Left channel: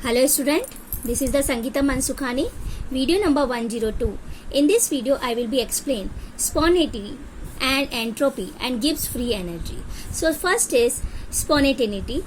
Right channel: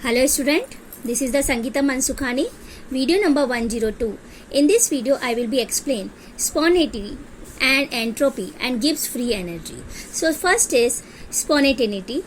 Hello student, this is the Sangeeta Mansukhani, video number 102. In this video, I will be explain spontaneity and entropy and Gibbs free energy. So first is spontaneity.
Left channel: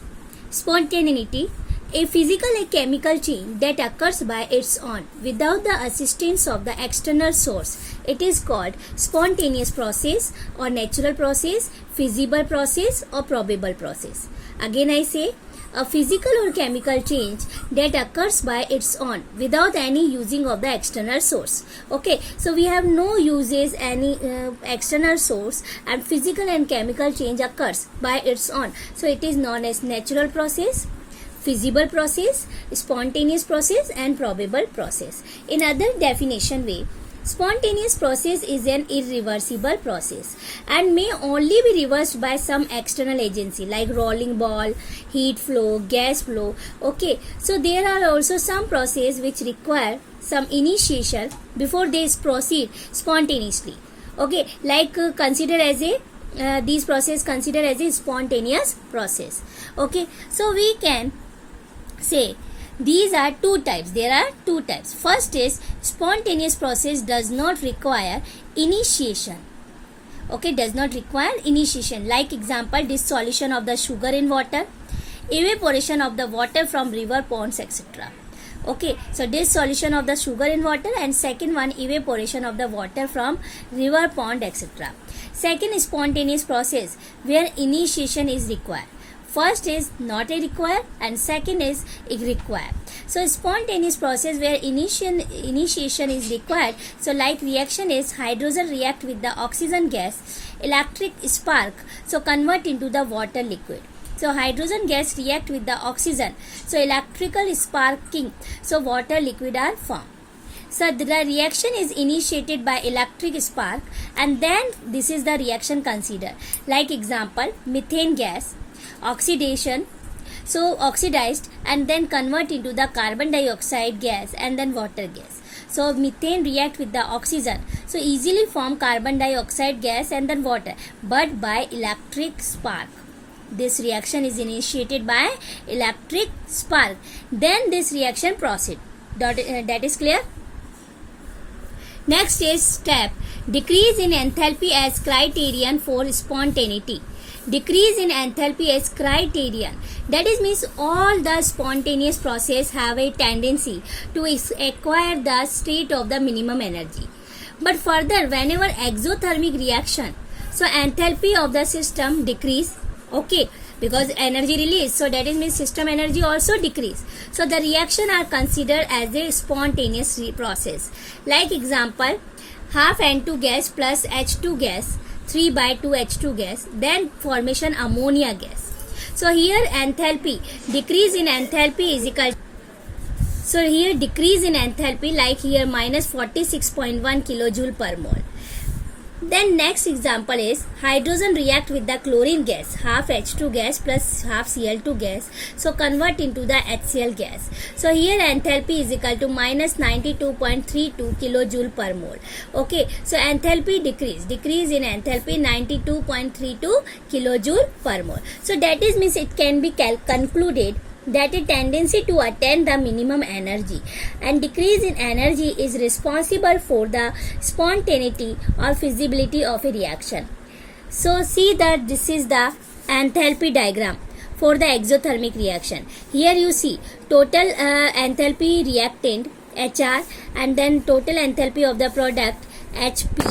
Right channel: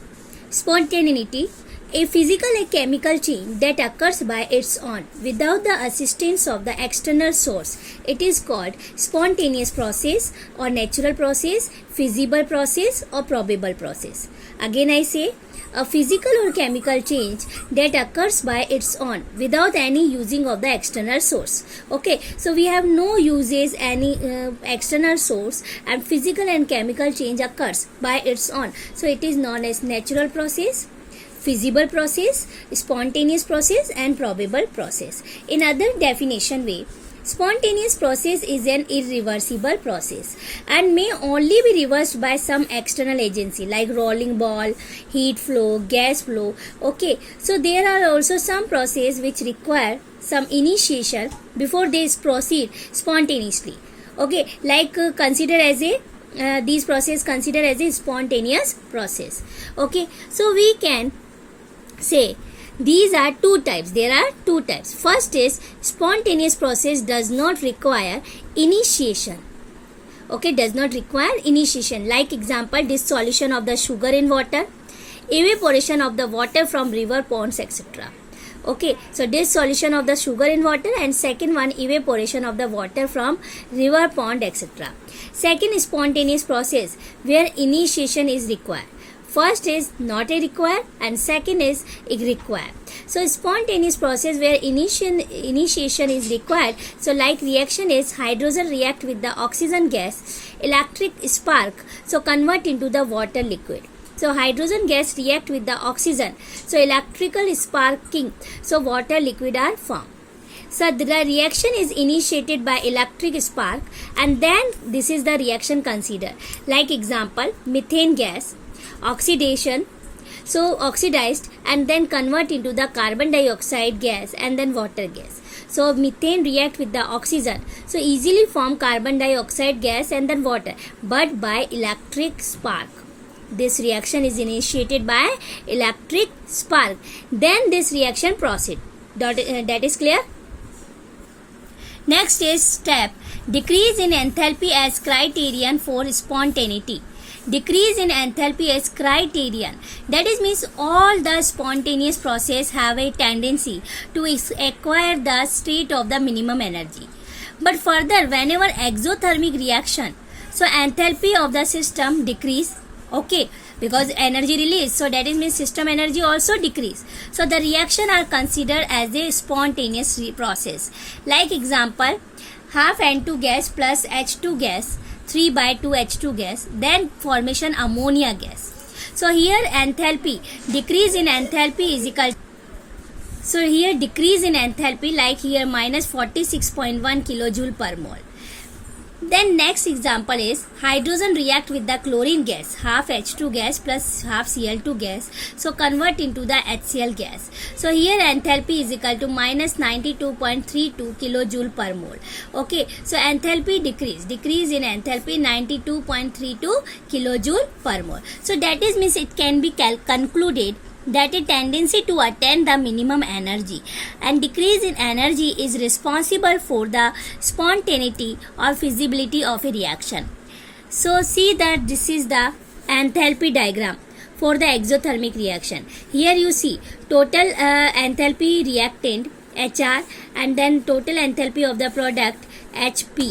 Spontaneity, a physical and chemical change that occurs by its own without the assistance of the external source. It is called spontaneous process or natural process, feasible process or probable process. Again I say, a physical or chemical change that occurs by its own without any using of the external source. Okay, so we have no uses any external source, and physical and chemical change occurs by its own. So it is known as natural process, feasible process, spontaneous process and probable process. In other definition way, spontaneous process is an irreversible process and may only be reversed by some external agency like rolling ball, heat flow, gas flow. Okay, so there are also some processes which require some initiation before they proceed spontaneously. Okay, like consider as a these process consider as a spontaneous process. Okay, so we can say these are two types. There are two types. First is spontaneous process does not require initiation. Okay, does not require initiation. Like example, dissolution of the sugar in water, evaporation of the water from river, ponds, etc. Okay, so dissolution of the sugar in water, and second one evaporation of the water from river, pond, etc. Second is spontaneous process where initiation is required. First is not a required and second is required. So spontaneous process where initiation is required. So like reaction is hydrogen react with the oxygen gas, electric spark, so convert into the water liquid. So hydrogen gas react with the oxygen, so electrical sparking, so water liquid are formed. So the reaction is initiated by electric spark and then this is the reaction considered. Like example, methane gas, oxidation, so oxidized and then convert into the carbon dioxide gas and then water gas. So methane react with the oxygen, so easily form carbon dioxide gas and then water, but by electric spark. This reaction is initiated by electric spark, then this reaction proceed. That is clear. Next is step decrease in enthalpy as criterion for spontaneity. Decrease in enthalpy as criterion. That is means all the spontaneous process have a tendency to acquire the state of the minimum energy. But further, whenever exothermic reaction, so enthalpy of the system decrease. Okay, because energy release, so that is means system energy also decrease. So the reaction are considered as a spontaneous process. Like example, half N2 gas plus H2 gas, 3/2 H2 gas, then formation ammonia gas. So here enthalpy, decrease in enthalpy is equal. So here decrease in enthalpy, like here minus 46.1 kilojoule per mole. Then next example is hydrogen react with the chlorine gas, half H2 gas plus half Cl2 gas, so convert into the HCl gas. So here enthalpy is equal to minus 92.32 kilojoule per mole. Okay, so enthalpy decrease in enthalpy 92.32 kilojoule per mole. So that is means it can be concluded that a tendency to attain the minimum energy and decrease in energy is responsible for the spontaneity or feasibility of a reaction. So see that this is the enthalpy diagram for the exothermic reaction. Here you see total enthalpy reactant HR and then total enthalpy of the product HP.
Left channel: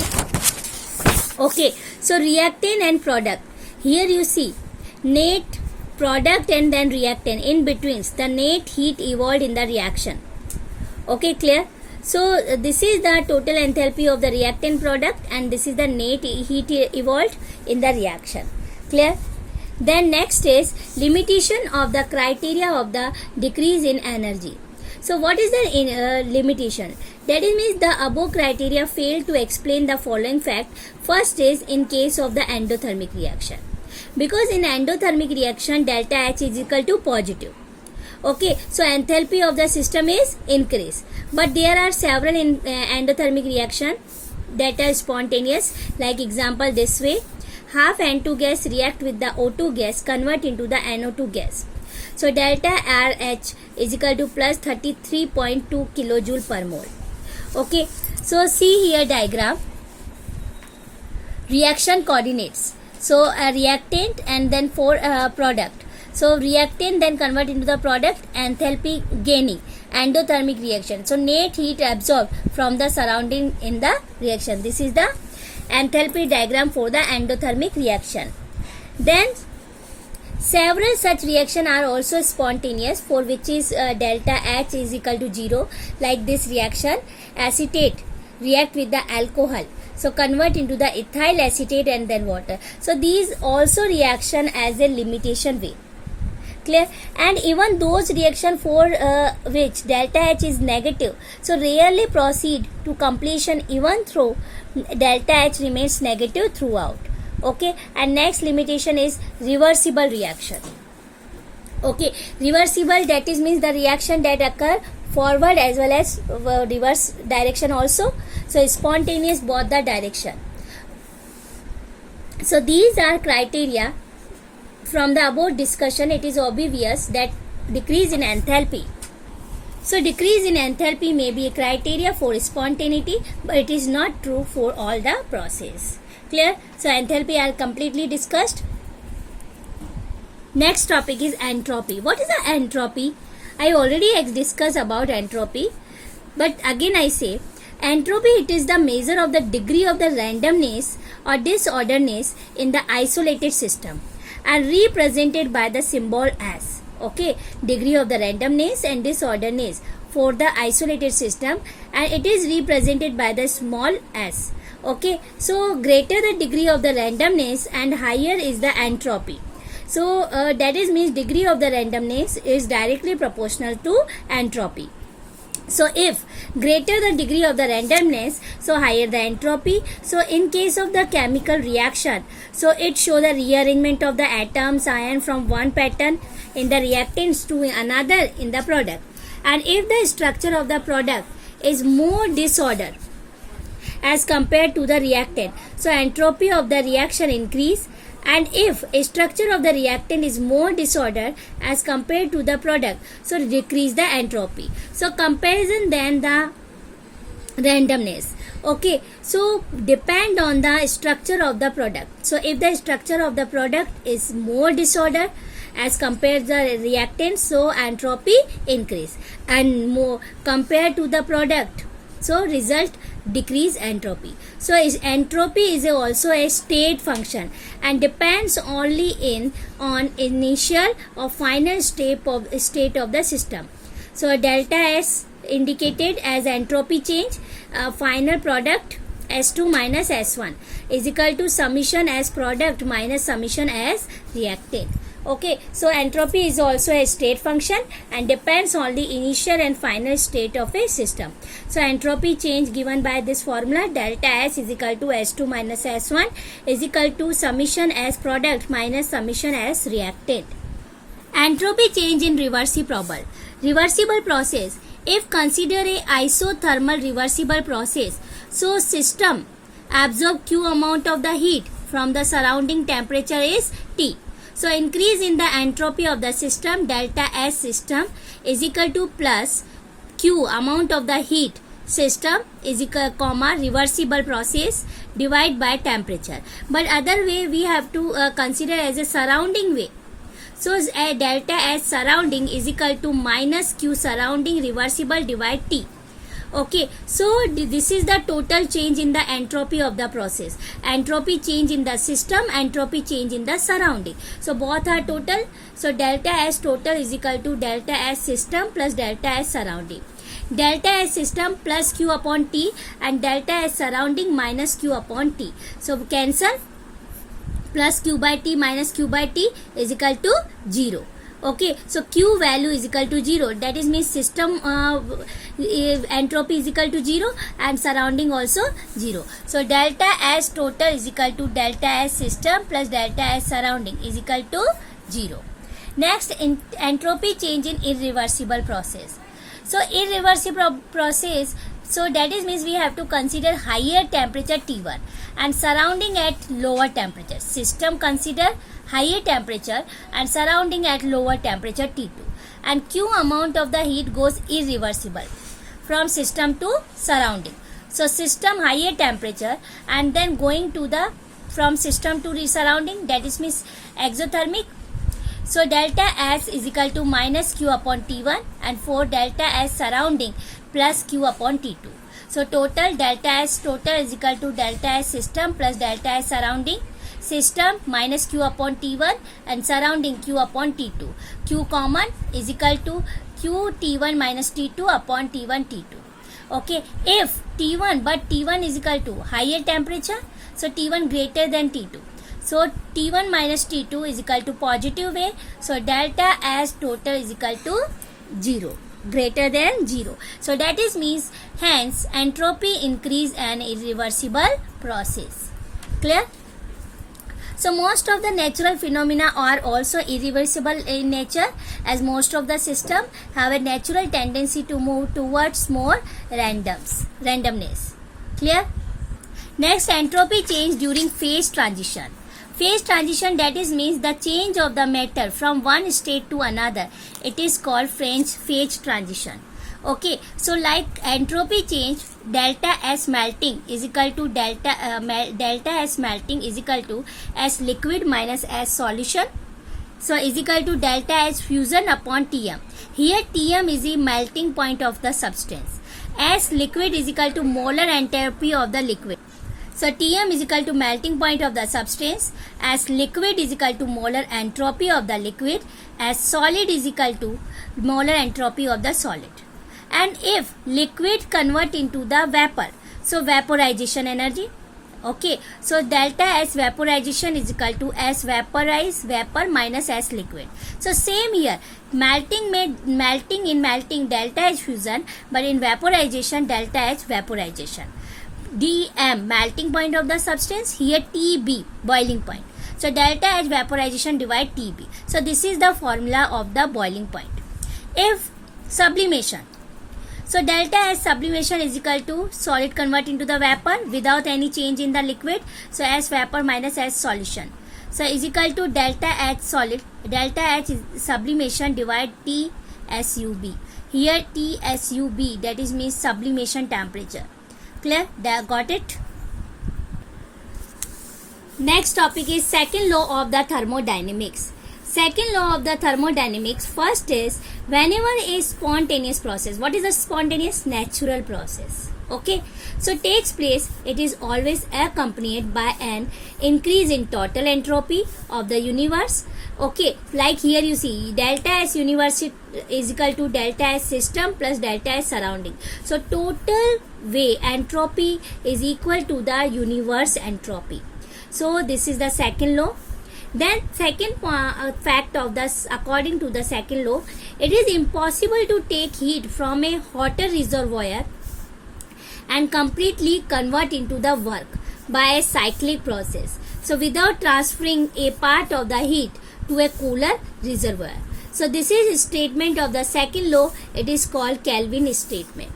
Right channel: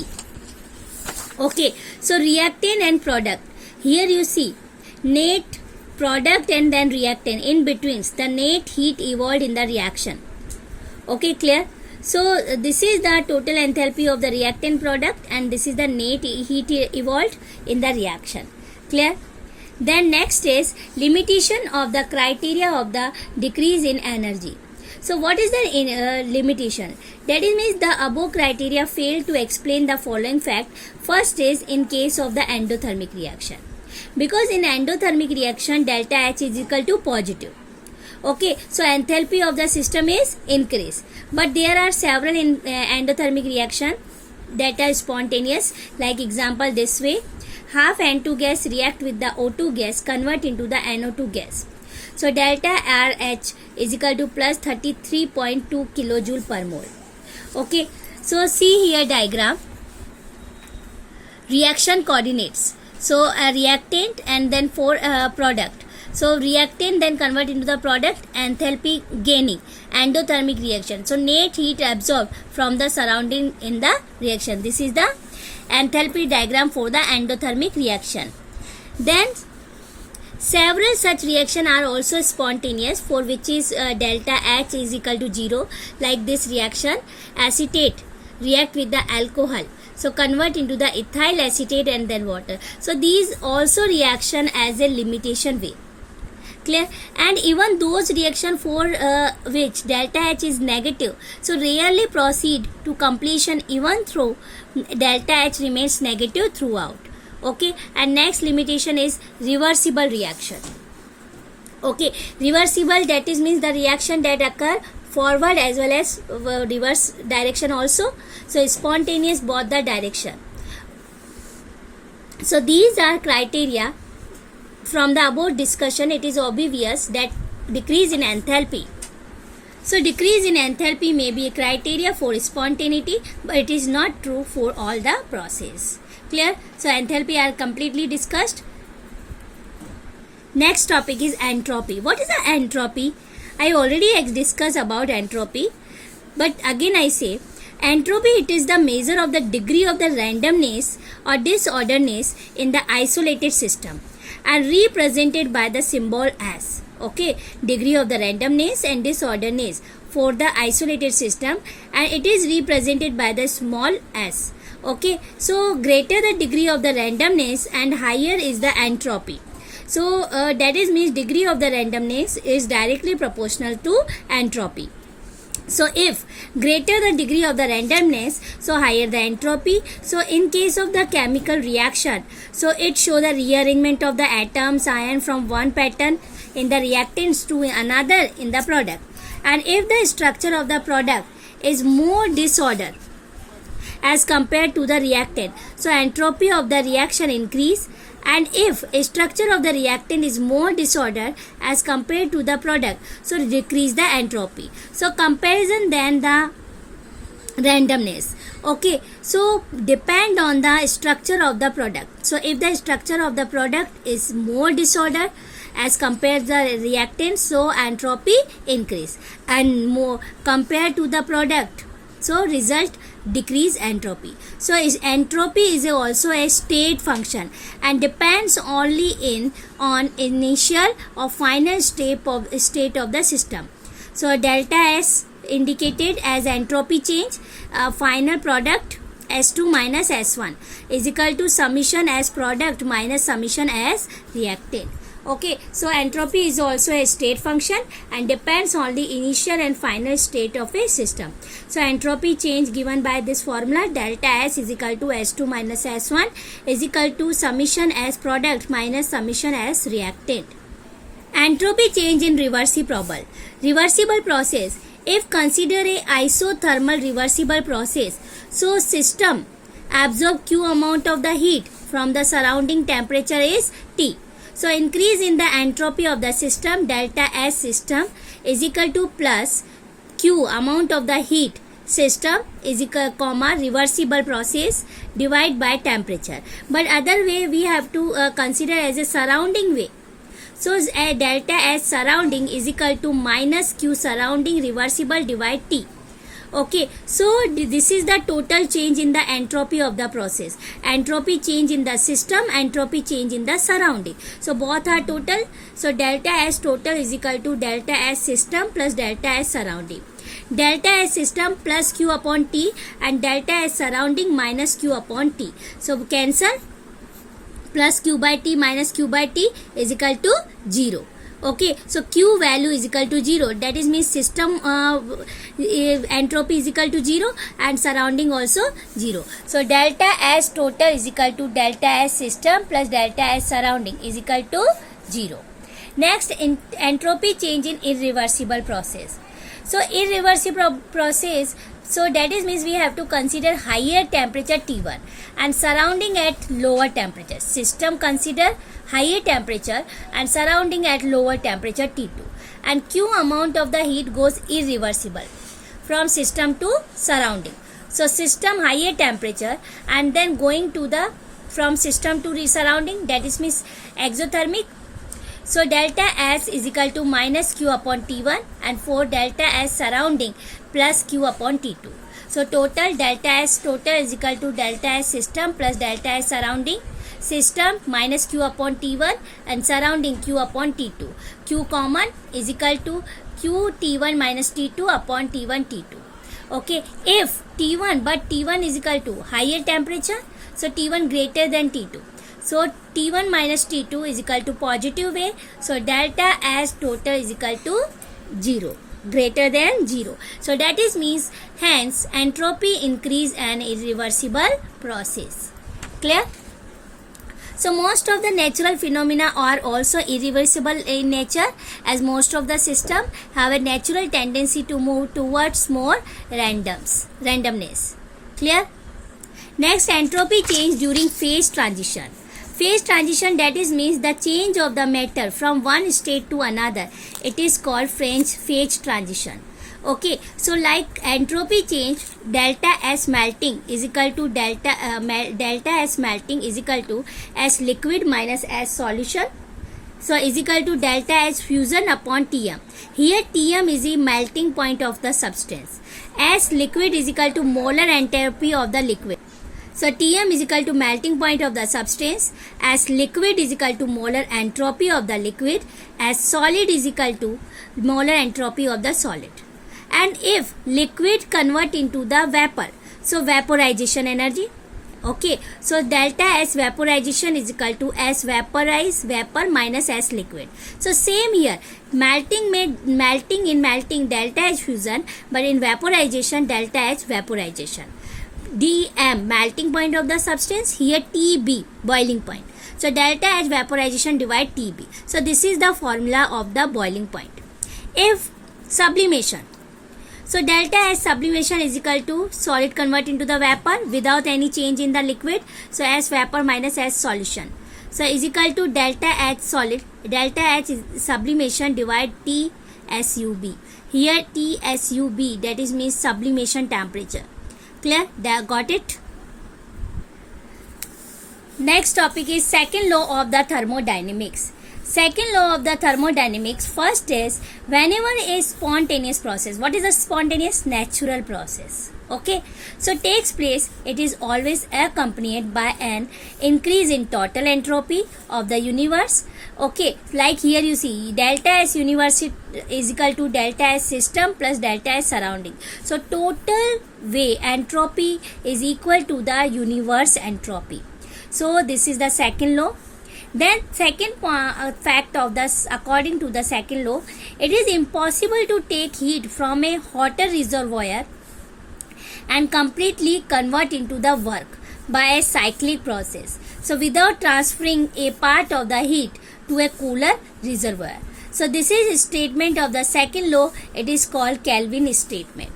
Okay, so reactant and product. Here you see net product and then reactant, in between the net heat evolved in the reaction. Okay, clear. So this is the total enthalpy of the reactant product and this is the net heat evolved in the reaction. Clear. Then next is limitation of the criteria of the decrease in energy. So what is the limitation? That is means the above criteria fail to explain the following fact. First is in case of the endothermic reaction. Because in endothermic reaction delta H is equal to positive. Okay, so enthalpy of the system is increased. But there are several in endothermic reaction that are spontaneous. Like example this way, half N2 gas react with the O2 gas, convert into the NO2 gas. So delta RH is equal to plus 33.2 kilojoule per mole. Okay, so see here diagram, reaction coordinates. So a reactant and then for product. So reactant then convert into the product, enthalpy gaining, endothermic reaction. So net heat absorbed from the surrounding in the reaction. This is the enthalpy diagram for the endothermic reaction. Then several such reactions are also spontaneous, for which is delta H is equal to 0. Like this reaction, acetate react with the alcohol, so convert into the ethyl acetate and then water. So these also reaction as a limitation way. Clear? And even those reaction for which delta H is negative, so rarely proceed to completion even though delta H remains negative throughout. Okay, and next limitation is reversible reaction. Okay, reversible, that is means the reaction that occur forward as well as reverse direction also. So spontaneous both the direction. So these are criteria. From the above discussion, it is obvious that decrease in enthalpy. So decrease in enthalpy may be a criteria for spontaneity, but it is not true for all the process. Clear? So enthalpy are completely discussed. Next topic is entropy. What is the entropy? I already discussed about entropy, but again I say, entropy, it is the measure of the degree of the randomness or disorderness in the isolated system, and represented by the symbol S. Okay, degree of the randomness and disorderness for the isolated system, and it is represented by the small s. Okay, so greater the degree of the randomness and higher is the entropy. So that is means degree of the randomness is directly proportional to entropy. So if greater the degree of the randomness, so higher the entropy. So in case of the chemical reaction, so it show the rearrangement of the atoms ion from one pattern in the reactants to another in the product. And if the structure of the product is more disordered as compared to the reactant, so entropy of the reaction increase. And if a structure of the reactant is more disordered as compared to the product, so decrease the entropy. So comparison then the randomness. Okay, so depend on the structure of the product. So if the structure of the product is more disordered as compared to the reactant, so entropy increase, and more compared to the product, so result decrease entropy. So entropy is also a state function and depends only on initial or final state of the system. So delta S indicated as entropy change, final product S2 minus S1 is equal to summation as product minus summation as reactant. Okay, so entropy is also a state function and depends on the initial and final state of a system. So entropy change given by this formula, delta S is equal to S2 minus S1 is equal to summation as product minus summation as reactant. Entropy change in reversible. Reversible process. If consider a isothermal reversible process, so system absorb Q amount of the heat from the surrounding temperature is T. So increase in the entropy of the system, delta S system is equal to plus Q amount of the heat system is equal comma reversible process divide by temperature. But other way we have to consider as a surrounding way. So delta S surrounding is equal to minus Q surrounding reversible divide T. Okay, so this is the total change in the entropy of the process. Entropy change in the system, entropy change in the surrounding. So both are total. So delta S total is equal to delta S system plus delta S surrounding. Delta S system plus Q upon T and delta S surrounding minus Q upon T. So cancel, plus Q by T minus Q by T is equal to 0. Okay, so Q value is equal to 0. That is means system entropy is equal to 0 and surrounding also 0. So delta S total is equal to delta S system plus delta S surrounding is equal to 0. Next, entropy change in irreversible process. So irreversible process, so that is means we have to consider higher temperature T1 and surrounding at lower temperature. System consider higher temperature and surrounding at lower temperature T2, and Q amount of the heat goes irreversible from system to surrounding. So system higher temperature and then going to the from system to surrounding, that is means exothermic. So delta S is equal to minus Q upon T1 and for delta S surrounding plus Q upon T2. So total delta S total is equal to delta S system plus delta S surrounding. System minus Q upon T1 and surrounding Q upon T2. Q common is equal to Q T1 minus T2 upon T1 T2. Okay, if T1 but T1 is equal to higher temperature, so T1 greater than T2. So T1 minus T2 is equal to positive way. So delta S total is equal to 0, greater than 0. So that is means hence entropy increase an irreversible process. Clear? So most of the natural phenomena are also irreversible in nature, as most of the system have a natural tendency to move towards more randomness. Clear? Next, entropy change during phase transition. Phase transition, that is means the change of the matter from one state to another. It is called phase transition. Okay, so like entropy change, delta S melting is equal to delta S melting is equal to S liquid minus S solution. So is equal to delta S fusion upon Tm. Here Tm is the melting point of the substance. S liquid is equal to molar entropy of the liquid. So Tm is equal to melting point of the substance. S liquid is equal to molar entropy of the liquid. S solid is equal to molar entropy of the solid. And if liquid convert into the vapor, so vaporization energy. Okay, so delta S vaporization is equal to S vaporized vapor minus S liquid. So same here, melting delta S fusion, but in vaporization delta S vaporization. Dm melting point of the substance, here Tb boiling point. So delta S vaporization divide Tb. So this is the formula of the boiling point. If sublimation, so delta S sublimation is equal to solid convert into the vapor without any change in the liquid. So S vapor minus S solution. So is equal to delta H solid. Delta H is sublimation divide T SUB. Here T SUB, that is means sublimation temperature. Clear? Got it? Next topic is second law of the thermodynamics. Second law of the thermodynamics, first is whenever a spontaneous process, what is a spontaneous? Natural process. Okay, so takes place, it is always accompanied by an increase in total entropy of the universe. Okay, like here you see delta S universe is equal to delta S system plus delta S surrounding. So total way entropy is equal to the universe entropy. So this is the second law. Then second fact of this, according to the second law, it is impossible to take heat from a hotter reservoir and completely convert into the work by a cyclic process. So without transferring a part of the heat to a cooler reservoir. So this is a statement of the second law. It is called Kelvin statement.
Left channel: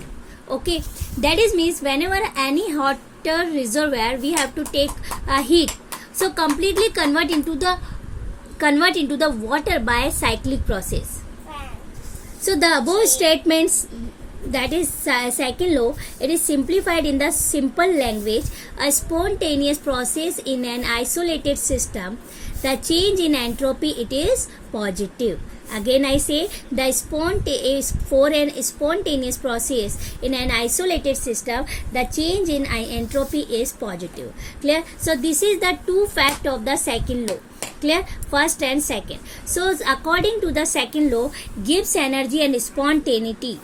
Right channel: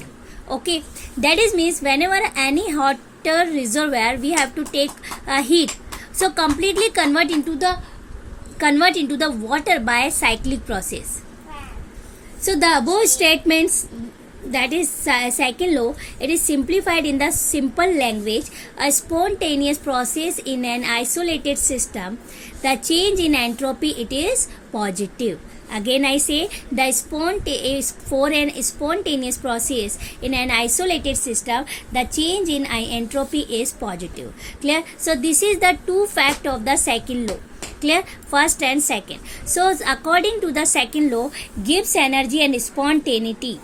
Okay, that is means whenever any hotter reservoir we have to take heat, so completely convert into the water by a cyclic process. So the above statements, that is second law, it is simplified in the simple language. A spontaneous process in an isolated system, the change in entropy, it is positive. Again I say, for an spontaneous process in an isolated system, the change in entropy is positive. Clear? So this is the two fact of the second law. Clear? First and second. So according to the second law, Gibbs energy and spontaneity.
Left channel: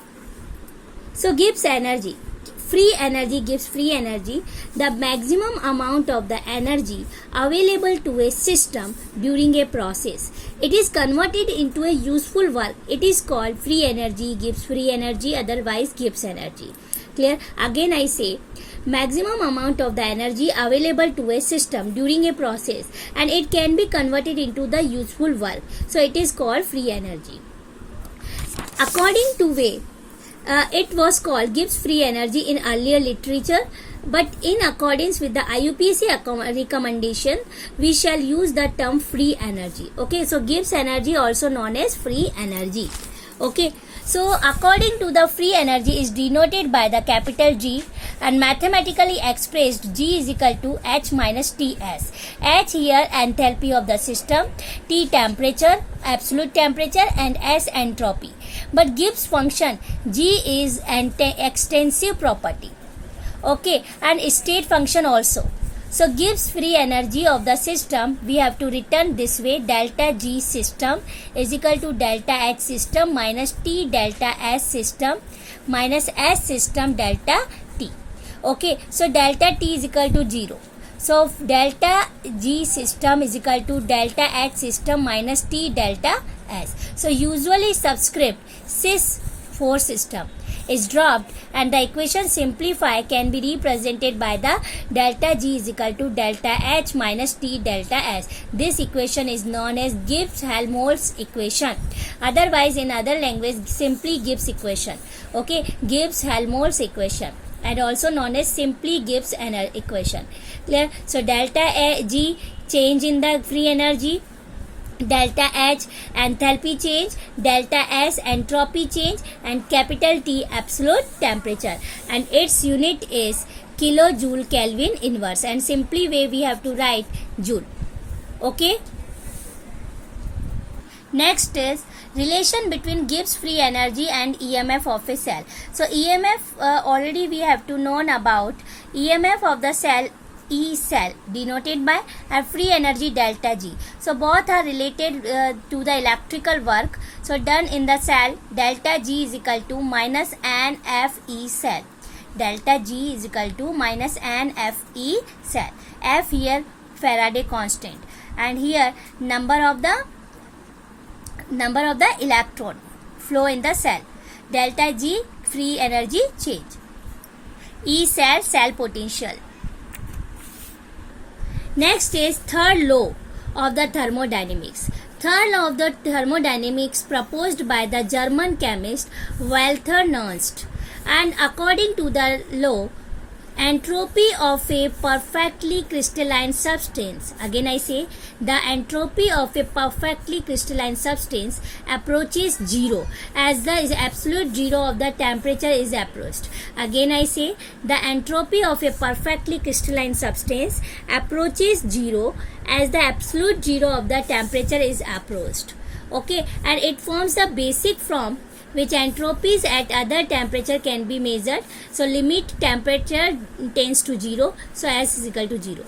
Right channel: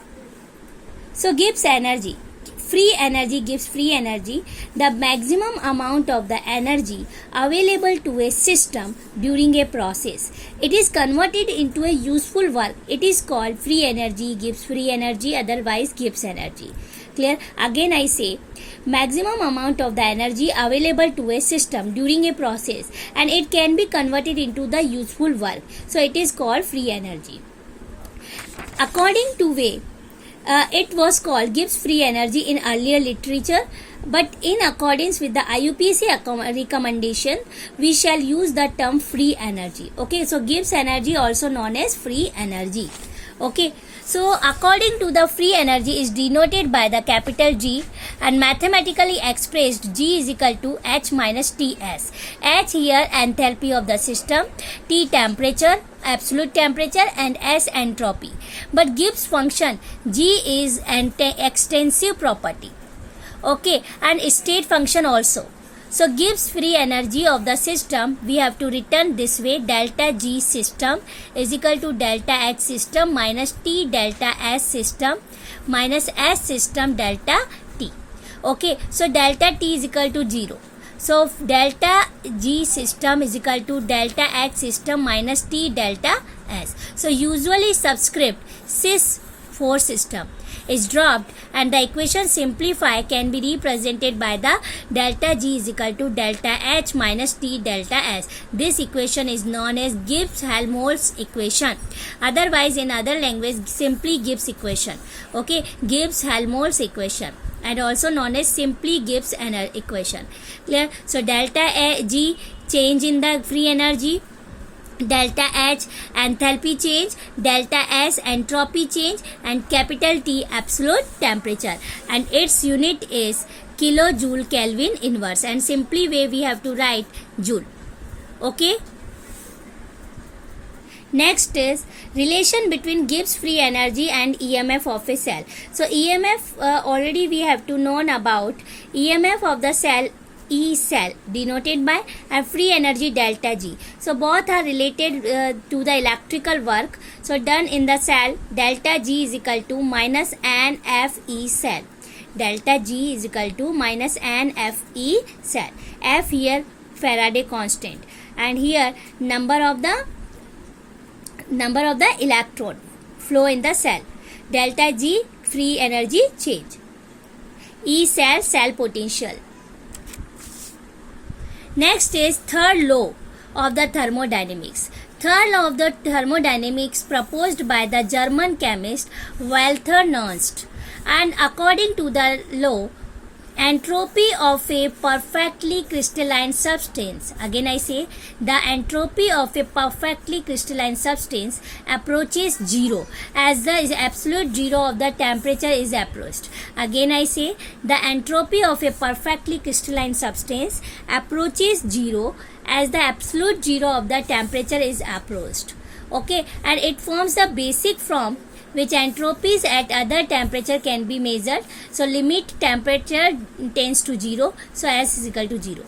So Gibbs energy, free energy gives free energy. The maximum amount of the energy available to a system during a process, it is converted into a useful work. It is called free energy gives free energy, otherwise Gibbs energy. Clear? Again I say, maximum amount of the energy available to a system during a process, and it can be converted into the useful work. So it is called free energy. According to way, It was called Gibbs free energy in earlier literature, but in accordance with the IUPAC recommendation, we shall use the term free energy. Okay, so Gibbs energy also known as free energy. Okay, so according to the free energy is denoted by the capital G and mathematically expressed G is equal to H minus Ts. H here enthalpy of the system, T temperature, absolute temperature, and S entropy. But Gibbs function G is an extensive property. Okay, and state function also. So Gibbs free energy of the system we have to written this way: delta G system is equal to delta H system minus T delta S system minus S system delta T. Okay, so delta T is equal to 0. So delta G system is equal to delta H system minus T delta S. So usually subscript sys 4 system is dropped and the equation simplify can be represented by the delta G is equal to delta H minus T delta S. This equation is known as Gibbs-Helmholtz equation. Otherwise in other language simply Gibbs equation. Okay, Gibbs-Helmholtz equation and also known as simply Gibbs equation. Clear? So delta G change in the free energy, delta H enthalpy change, delta S entropy change, and capital T absolute temperature, and its unit is kilojoule Kelvin inverse, and simply way we have to write joule. Okay, next is relation between Gibbs free energy and EMF of a cell. So EMF already we have to known about. EMF of the cell E cell denoted by a free energy delta G. So both are related to the electrical work. So done in the cell, delta G is equal to minus NFE cell. Delta G is equal to minus NFE cell. F here Faraday constant, and here number of the electron flow in the cell. Delta G free energy change. E cell potential. Next is third law of the thermodynamics. Third law of the thermodynamics proposed by the German chemist Walther Nernst, and according to the law, entropy of a perfectly crystalline substance, again I say, the entropy of a perfectly crystalline substance approaches zero as the absolute zero of the temperature is approached. Again I say, the entropy of a perfectly crystalline substance approaches zero as the absolute zero of the temperature is approached. Okay, and it forms the basic form which entropies at other temperature can be measured. So limit temperature tends to 0. So S is equal to 0.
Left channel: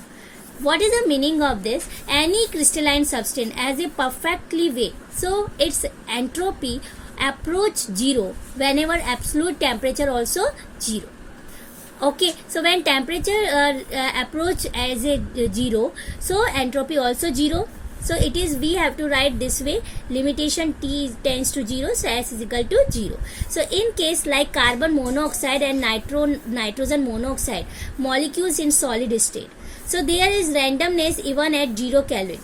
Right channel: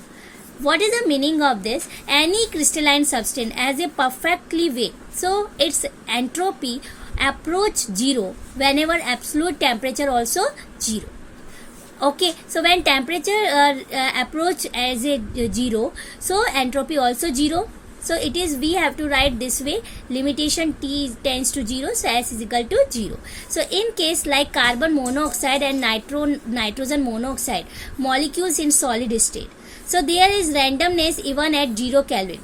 What is the meaning of this? Any crystalline substance has a perfectly weight. So its entropy approach 0 whenever absolute temperature also 0. Okay, so when temperature approach as a 0, so entropy also 0. So it is, we have to write this way, limitation T tends to 0, so S is equal to 0. So in case like carbon monoxide and nitrogen monoxide molecules in solid state, so there is randomness even at 0 Kelvin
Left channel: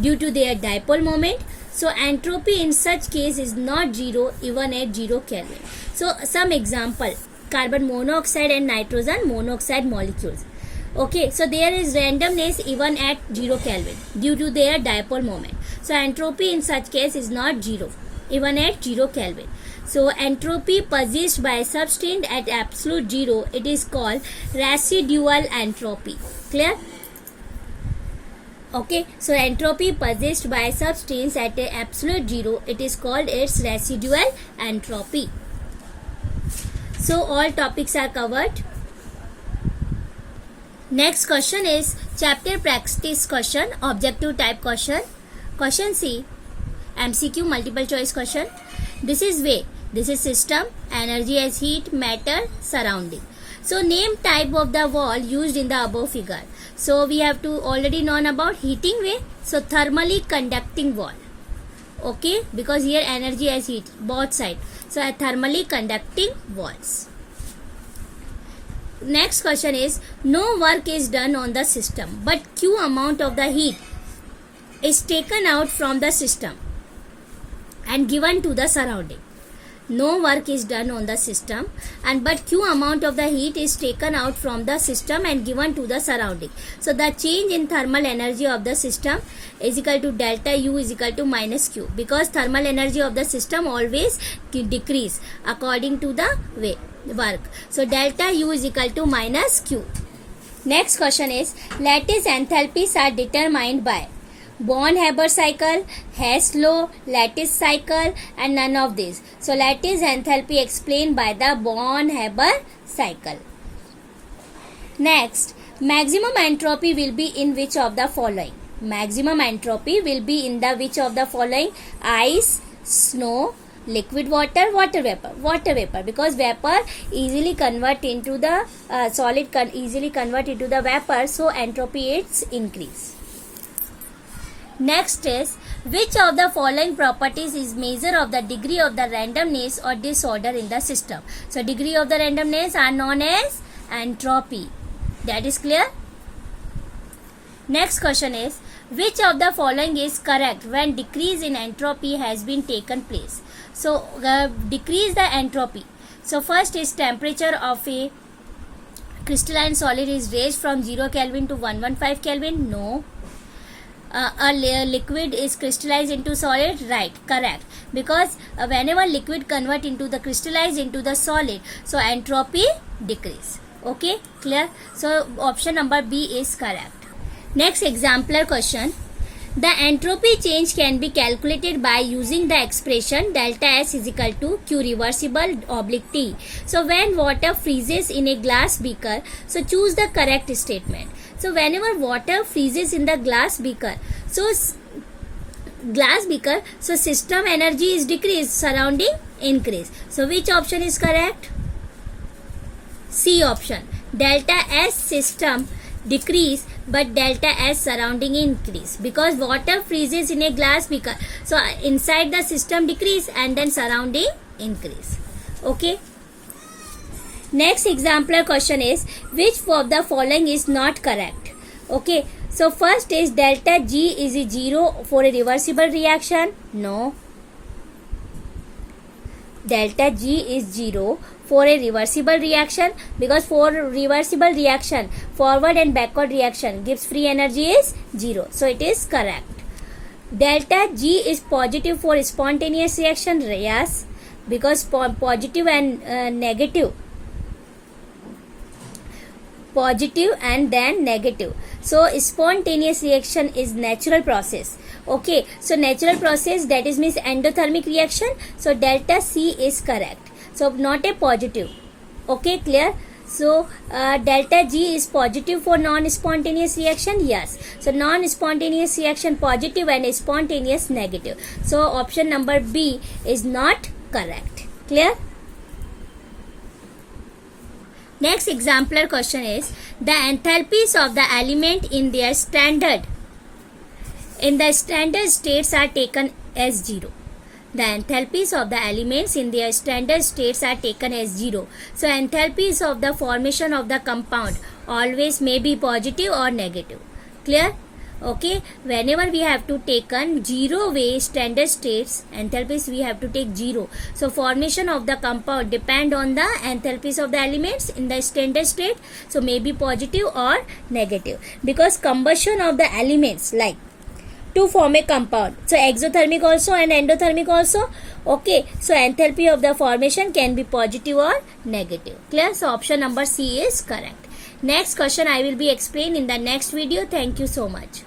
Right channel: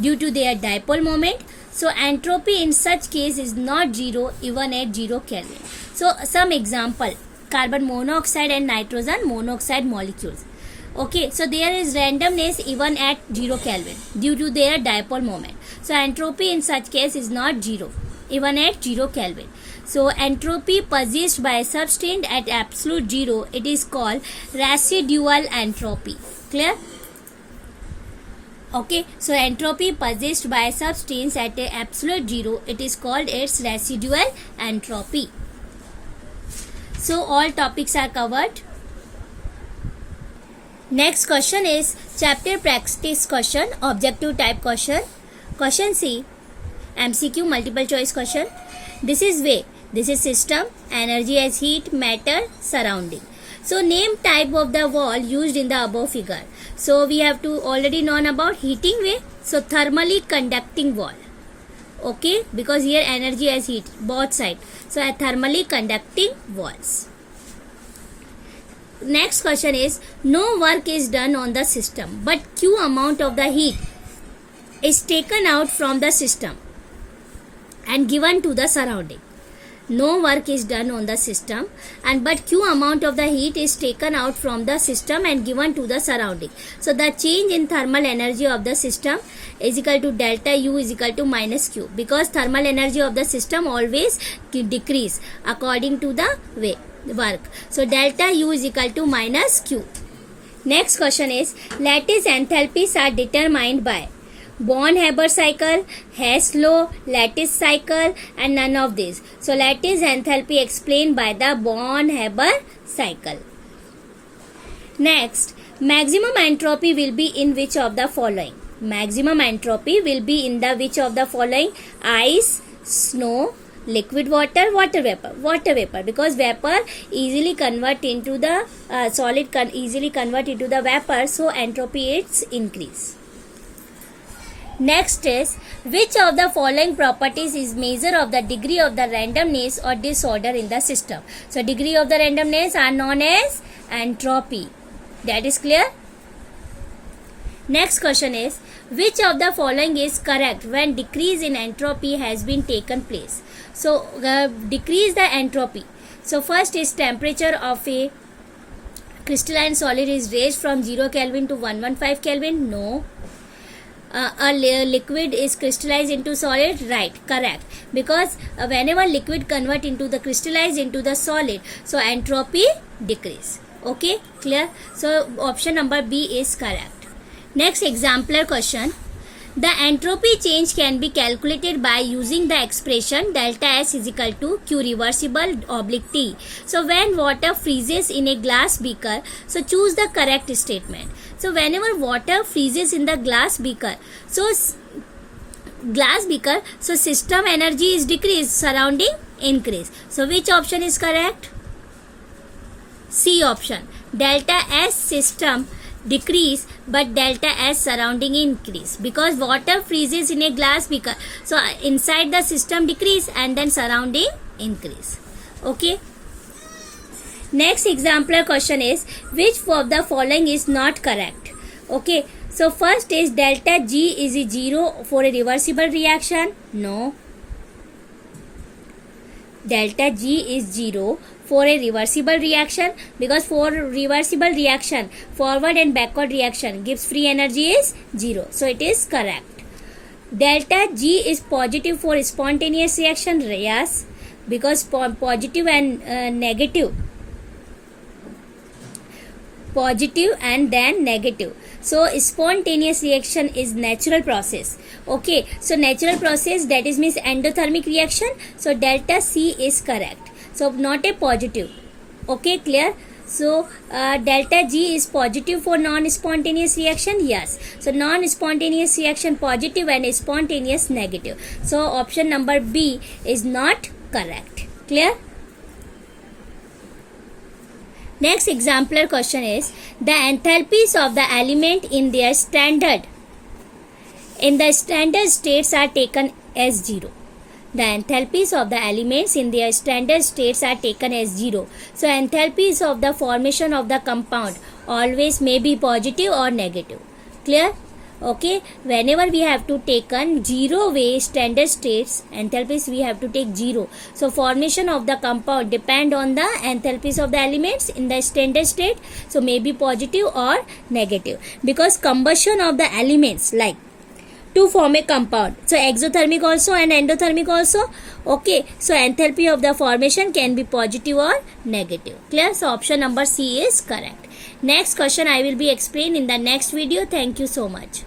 due to their dipole moment. So entropy in such case is not 0 even at 0 Kelvin. So some example, carbon monoxide and nitrogen monoxide molecules. Okay, so there is randomness even at 0 Kelvin due to their dipole moment. So entropy in such case is not 0 even at 0 Kelvin. So entropy possessed by a substance at absolute 0, it is called residual entropy. Clear? Okay, so entropy possessed by a substance at a absolute 0, it is called its residual entropy. So all topics are covered. Next question is chapter practice question, objective type question. Question C, MCQ multiple choice question. This is way, this is system, energy as heat, matter, surrounding. So name type of the wall used in the above figure. So we have to already known about heating way. So thermally conducting wall. Okay, because here energy as heat, both side. So a thermally conducting walls. Next question is, no work is done on the system, but Q amount of the heat is taken out from the system and given to the surrounding. no work is done on the system, and but Q amount of the heat is taken out from the system and given to the surrounding. So the change in thermal energy of the system is equal to delta U is equal to minus Q, because thermal energy of the system always decrease according to the work. So delta U is equal to minus Q. Next question is, lattice enthalpies are determined by Born-Haber cycle, Hess law, lattice cycle, and none of these. So lattice enthalpy explained by the Born-Haber cycle. Next, maximum entropy will be in which of the following? Maximum entropy will be in the which of the following? Ice, snow, liquid water, water vapor, because vapor easily convert into the solid easily convert into the vapor, so entropy is increase. Next is, which of the following properties is measure of the degree of the randomness or disorder in the system? So degree of the randomness are known as entropy. That is clear? Next question is, which of the following is correct when decrease in entropy has been taken place? So decrease the entropy. So first is temperature of a crystalline solid is raised from 0 Kelvin to 115 Kelvin. No. A liquid is crystallized into solid, right, correct, because whenever liquid convert into the crystallize into the solid, so entropy decrease. Okay, clear? So option number B is correct. Next exemplar question. The entropy change can be calculated by using the expression delta S is equal to Q reversible oblique T. So when water freezes in a glass beaker, so choose the correct statement. So whenever water freezes in the glass beaker, so system energy is decreased, surrounding increase. So which option is correct? C option. Delta S system decrease but delta S surrounding increase, because water freezes in a glass beaker, so inside the system decrease and then surrounding increase. Okay. Next exemplar question is, which of the following is not correct? Okay, so first is delta G is 0 for a reversible reaction. No. Delta G is 0 for a reversible reaction, because for reversible reaction, forward and backward reaction gives free energy is 0. So it is correct. Delta G is positive for spontaneous reaction. Yes, because positive and negative. Positive and then negative. So spontaneous reaction is natural process. Okay, so natural process, that is means endothermic reaction. So delta C is correct. So not a positive. Okay, clear? So delta G is positive for non-spontaneous reaction. Yes. So non-spontaneous reaction positive and spontaneous negative. So option number B is not correct. Clear? Next exemplar question is, the enthalpies of the element in their standard states are taken as 0. The enthalpies of the elements in their standard states are taken as 0. So enthalpies of the formation of the compound always may be positive or negative. Clear? Okay, whenever we have to take 0 way standard states, enthalpies we have to take 0. So formation of the compound depend on the enthalpies of the elements in the standard state. So may be positive or negative, because combustion of the elements like to form a compound, so exothermic also and endothermic also. Okay, so enthalpy of the formation can be positive or negative. Clear? So option number C is correct. Next question I will be explained in the next video. Thank you so much.